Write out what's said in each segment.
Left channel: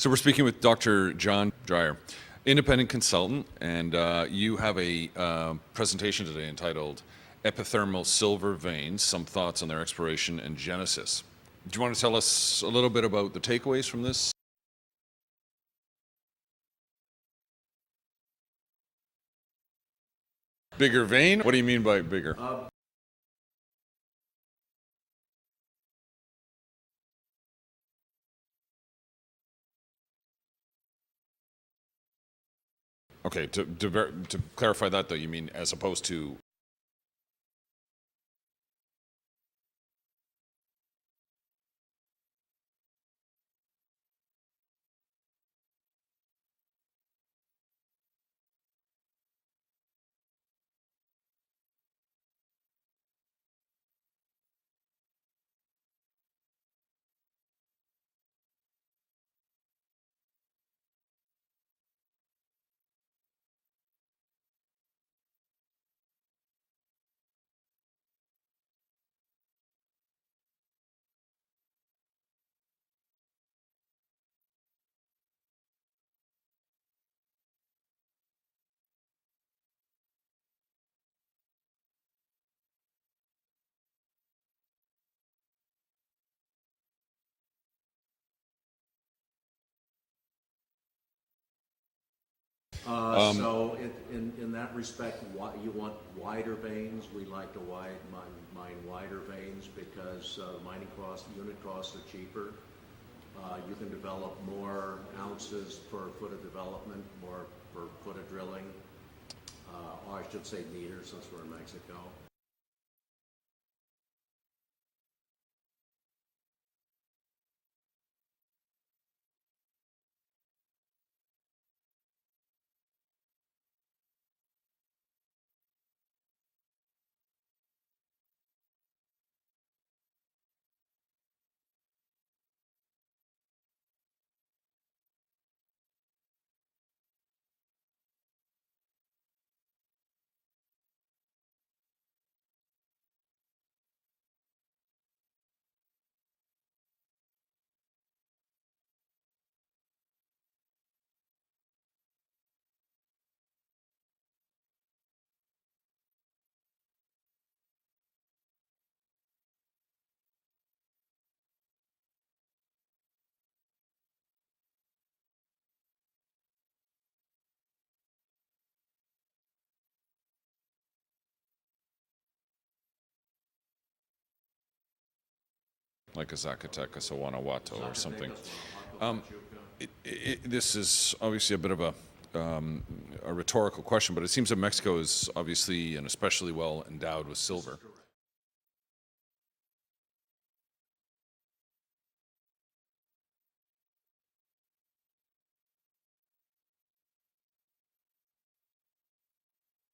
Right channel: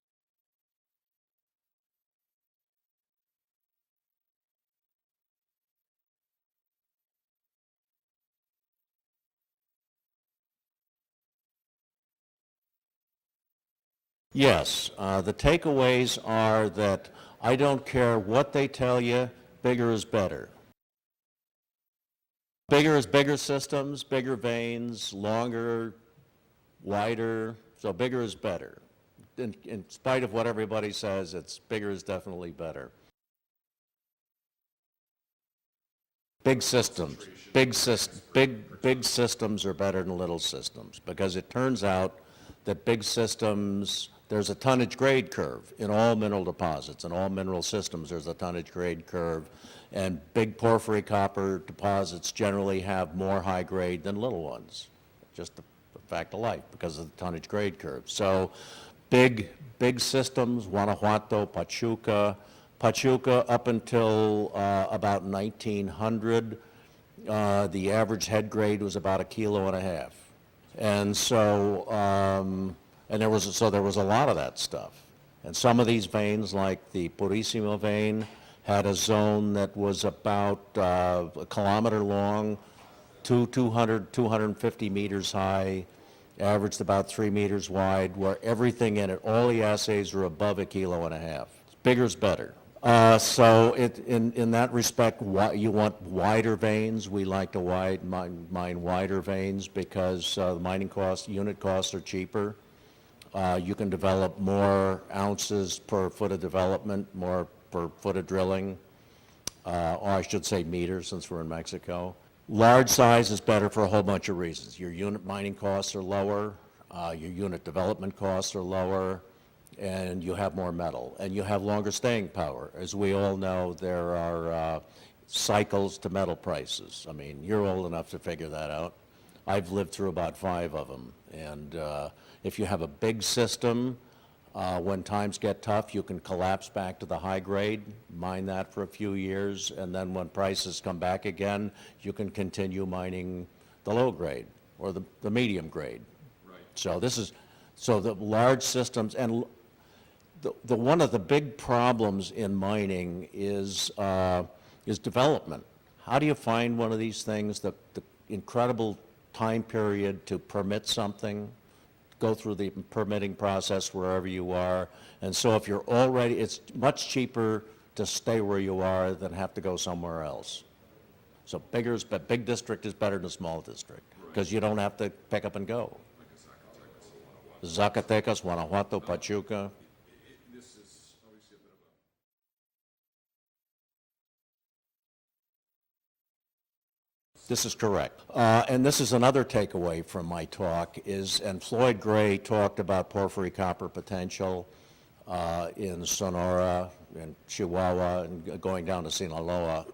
So we're speaking with Dr. John Dreyer, independent consultant, and you have a presentation today entitled Epithermal Silver Veins, Some Thoughts on Their Exploration and Genesis. Do you want to tell us a little bit about the takeaways from this? Yes, the takeaways are that I don't care what they tell you, bigger is better. Bigger vein? What do you mean by bigger? Bigger is bigger systems, bigger veins, longer, wider, so bigger is better. In spite of what everybody says, it's bigger is definitely better. Okay, to clarify that though, you mean as opposed to Big systems. Big systems are better than little systems because it turns out that big systems, there's a tonnage grade curve in all mineral deposits. In all mineral systems, there's a tonnage grade curve. And big porphyry copper deposits generally have more high grade than little ones. Just the fact of life because of the tonnage grade curve. So big systems, Guanajuato, Pachuca up until about 1900, the average head grade was about 1.5 kilos. And so, there was a lot of that stuff. And some of these veins, like the Purísima vein, had a zone that was about a kilometer long, 250 meters high, averaged about 3 meters wide, where everything in it, all the assays were above 1.5 kilos. Bigger is better. So in that respect, you want wider veins. We like to mine wider veins because the mining costs, unit costs are cheaper. You can develop more ounces per foot of development, more per foot of drilling, or I should say meters since we're in Mexico. Large size is better for a whole bunch of reasons. Your unit mining costs are lower, your unit development costs are lower, and you have more metal, and you have longer staying power. As we all know, there are cycles to metal prices. I mean, you're old enough to figure that out. I've lived through about 5 of them, and if you have a big system, when times get tough, you can collapse back to the high grade, mine that for a few years, and then when prices come back again, you can continue mining the low grade or the medium grade. Right. So the large systems, and the one of the big problems in mining is development. How do you find one of these things, the incredible time period to permit something, go through the permitting process wherever you are. And so if you're already, it's much cheaper to stay where you are than have to go somewhere else. So big district is better than a small district because you don't have to pick up and go. like a Zacatecas or Guanajuato? Zacatecas, Guanajuato, Pachuca. This is obviously a bit of a rhetorical question, but it seems that Mexico is obviously and especially well endowed with silver. This is correct. And this is another takeaway from my talk and Floyd Gray talked about porphyry copper potential in Sonora and Chihuahua and going down to Sinaloa.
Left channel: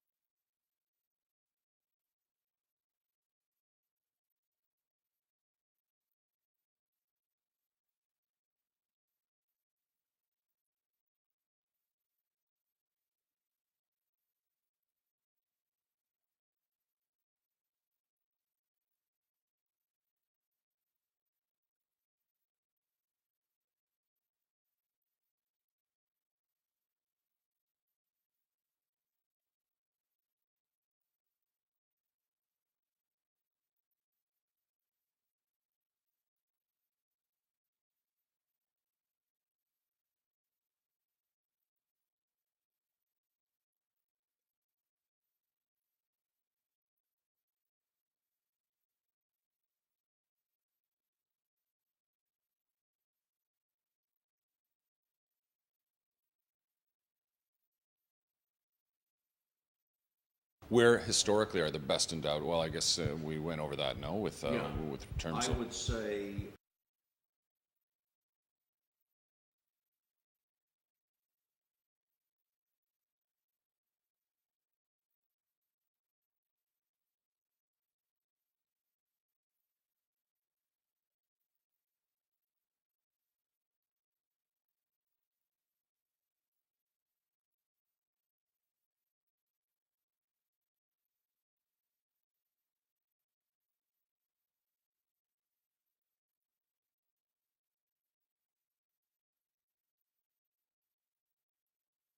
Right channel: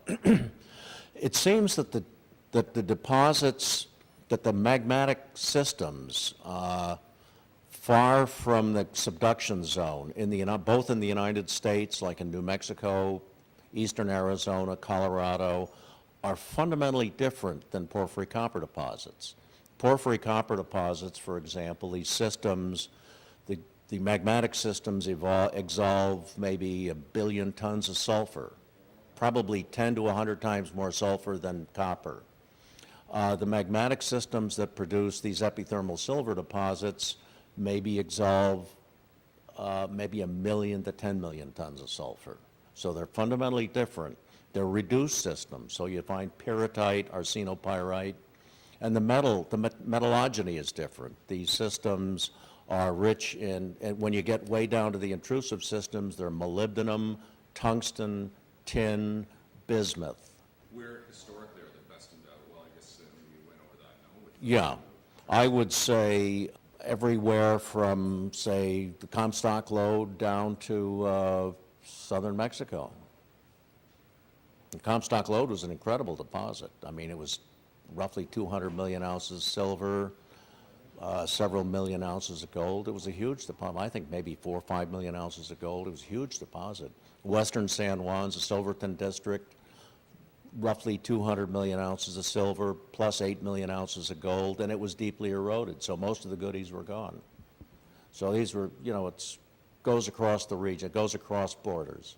It seems that the deposits, that the magmatic systems far from the subduction zone, both in the United States, like in New Mexico, eastern Arizona, Colorado, are fundamentally different than porphyry copper deposits. Porphyry copper deposits, for example, these systems, the magmatic systems exsolve maybe 1 billion tons of sulfur, probably 10 to 100 times more sulfur than copper. The magmatic systems that produce these epithermal silver deposits maybe exsolve maybe 1 million to 10 million tons of sulfur. So they're fundamentally different. They're reduced systems, so you find pyrrhotite, arsenopyrite, and the metallogeny is different. These systems are rich in, and when you get way down to the intrusive systems, they're molybdenum, tungsten, tin, bismuth. Where historically are the best endowed? Well, I guess we went over that, no? With terms I would say everywhere from, say, the Comstock lode down to southern Mexico. The Comstock lode was an incredible deposit. I mean, it was roughly 200 million ounces silver, several million ounces of gold. It was a huge deposit. I think maybe 4 or 5 million ounces of gold. It was a huge deposit. Western San Juan's a Silverton district, roughly 200 million ounces of silver plus 8 million ounces of gold, and it was deeply eroded, so most of the goodies were gone. So these were, it's goes across the region, it goes across borders.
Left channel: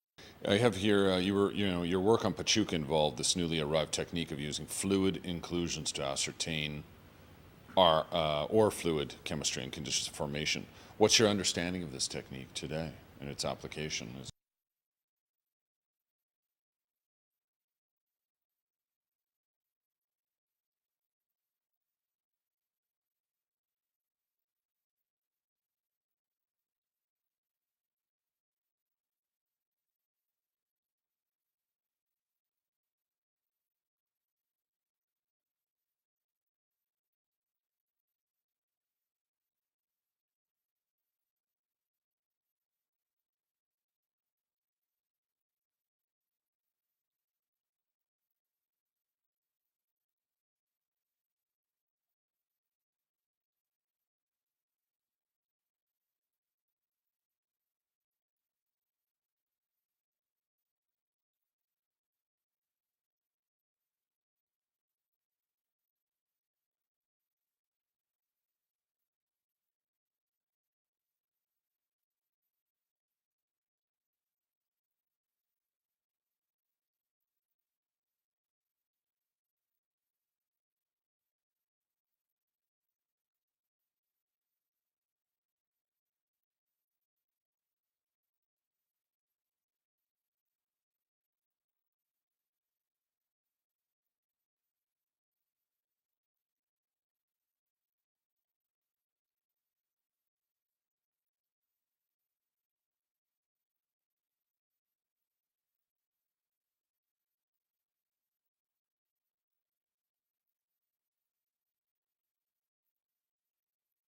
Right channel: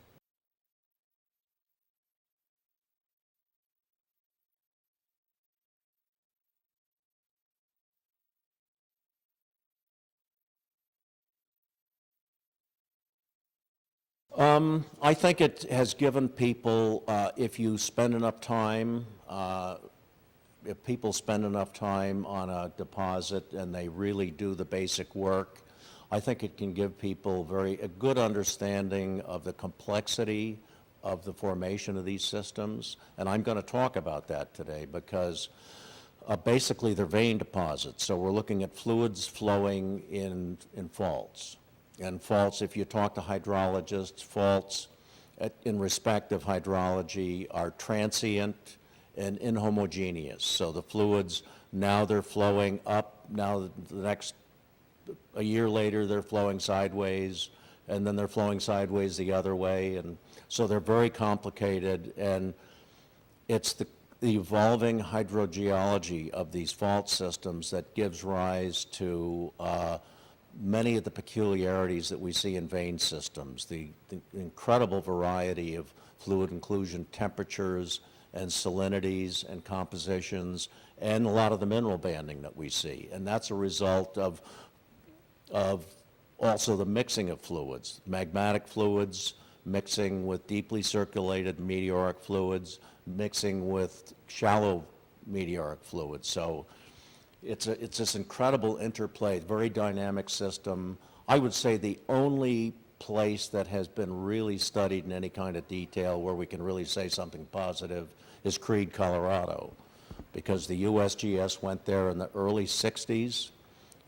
I have here, your work on Pachuca involved this newly arrived technique of using fluid inclusions to ascertain or fluid chemistry and conditions of formation. What's your understanding of this technique today and its application? I think it has given people, if you spend enough time, if people spend enough time on a deposit and they really do the basic work, I think it can give people a good understanding of the complexity of the formation of these systems. And I'm going to talk about that today because basically they're vein deposits. So we're looking at fluids flowing in faults. And faults, if you talk to hydrologists, faults in respect of hydrology are transient and inhomogeneous. So the fluids, now they're flowing up, now a year later they're flowing sideways, and then they're flowing sideways the other way. And so they're very complicated, and it's the evolving hydrogeology of these fault systems that gives rise to many of the peculiarities that we see in vein systems, the incredible variety of fluid inclusion temperatures and salinities and compositions, and a lot of the mineral banding that we see. And that's a result of also the mixing of fluids, magmatic fluids mixing with deeply circulated meteoric fluids, mixing with shallow meteoric fluids. So it's this incredible interplay, very dynamic system. I would say the only place that has been really studied in any kind of detail where we can really say something positive is Creede, Colorado, because the USGS went there in the early 60s,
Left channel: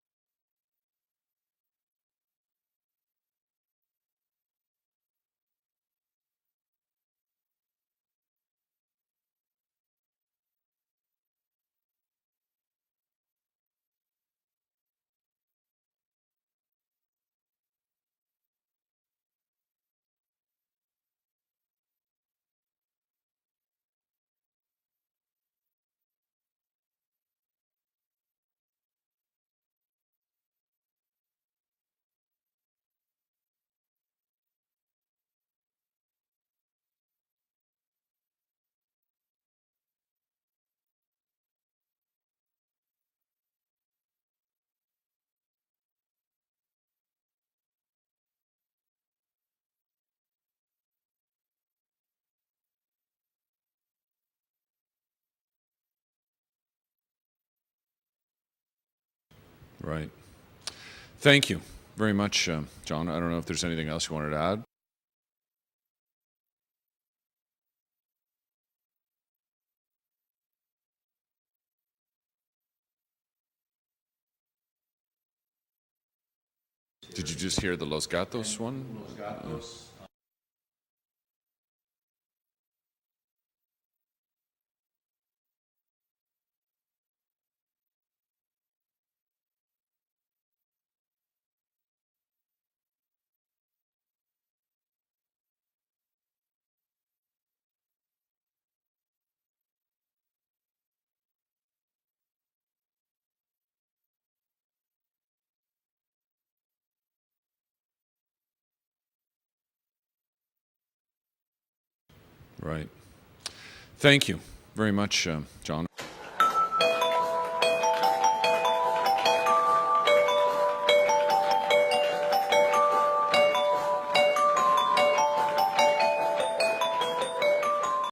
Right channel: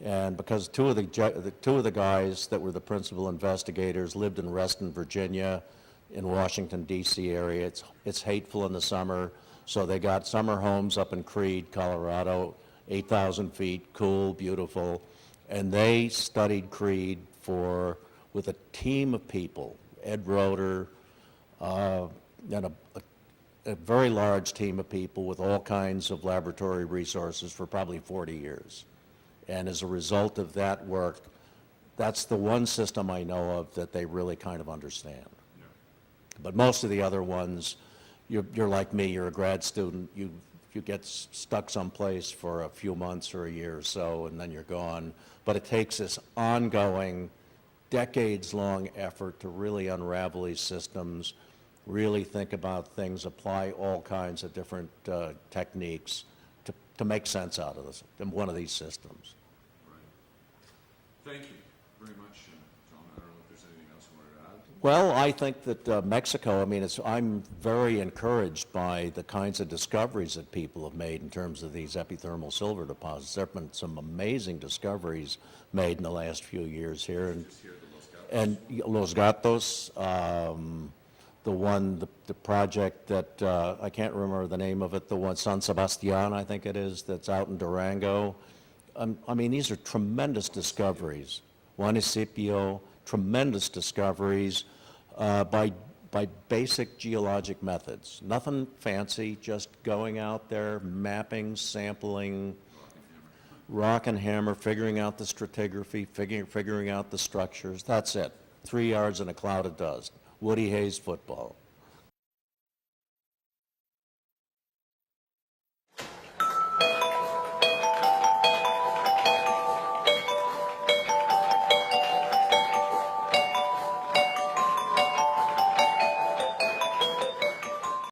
and because two of the guys that were the principal investigators lived in Reston, Virginia, in Washington, D.C. area. It's hateful in the summer, so they got summer homes up in Creede, Colorado, 8,000 feet, cool, beautiful, and they studied Creede with a team of people, Ed Roeder, and a very large team of people with all kinds of laboratory resources for probably 40 years. And as a result of that work, that's the one system I know of that they really kind of understand. Yeah. But most of the other ones, you're like me, you're a grad student, you get stuck someplace for a few months or a year or so, and then you're gone. But it takes this ongoing, decades-long effort to really unravel these systems, really think about things, apply all kinds of different techniques to make sense out of this, in one of these systems. Right. Thank you very much, John. I don't know if there's anything else you wanted to add. Well, I think that Mexico, I'm very encouraged by the kinds of discoveries that people have made in terms of these epithermal silver deposits. There have been some amazing discoveries made in the last few years here. Did you just hear the Los Gatos one? Los Gatos, the project that, I can't remember the name of it, the one, San Sebastian, I think it is, that's out in Durango. These are tremendous discoveries. Juanicipio, tremendous discoveries by basic geologic methods. Nothing fancy, just going out there, mapping, sampling, rock and hammer, figuring out the stratigraphy, figuring out the structures. That's it. 3 yards in a cloud of dust. Woody Hayes football. Right. Thank you very much, John.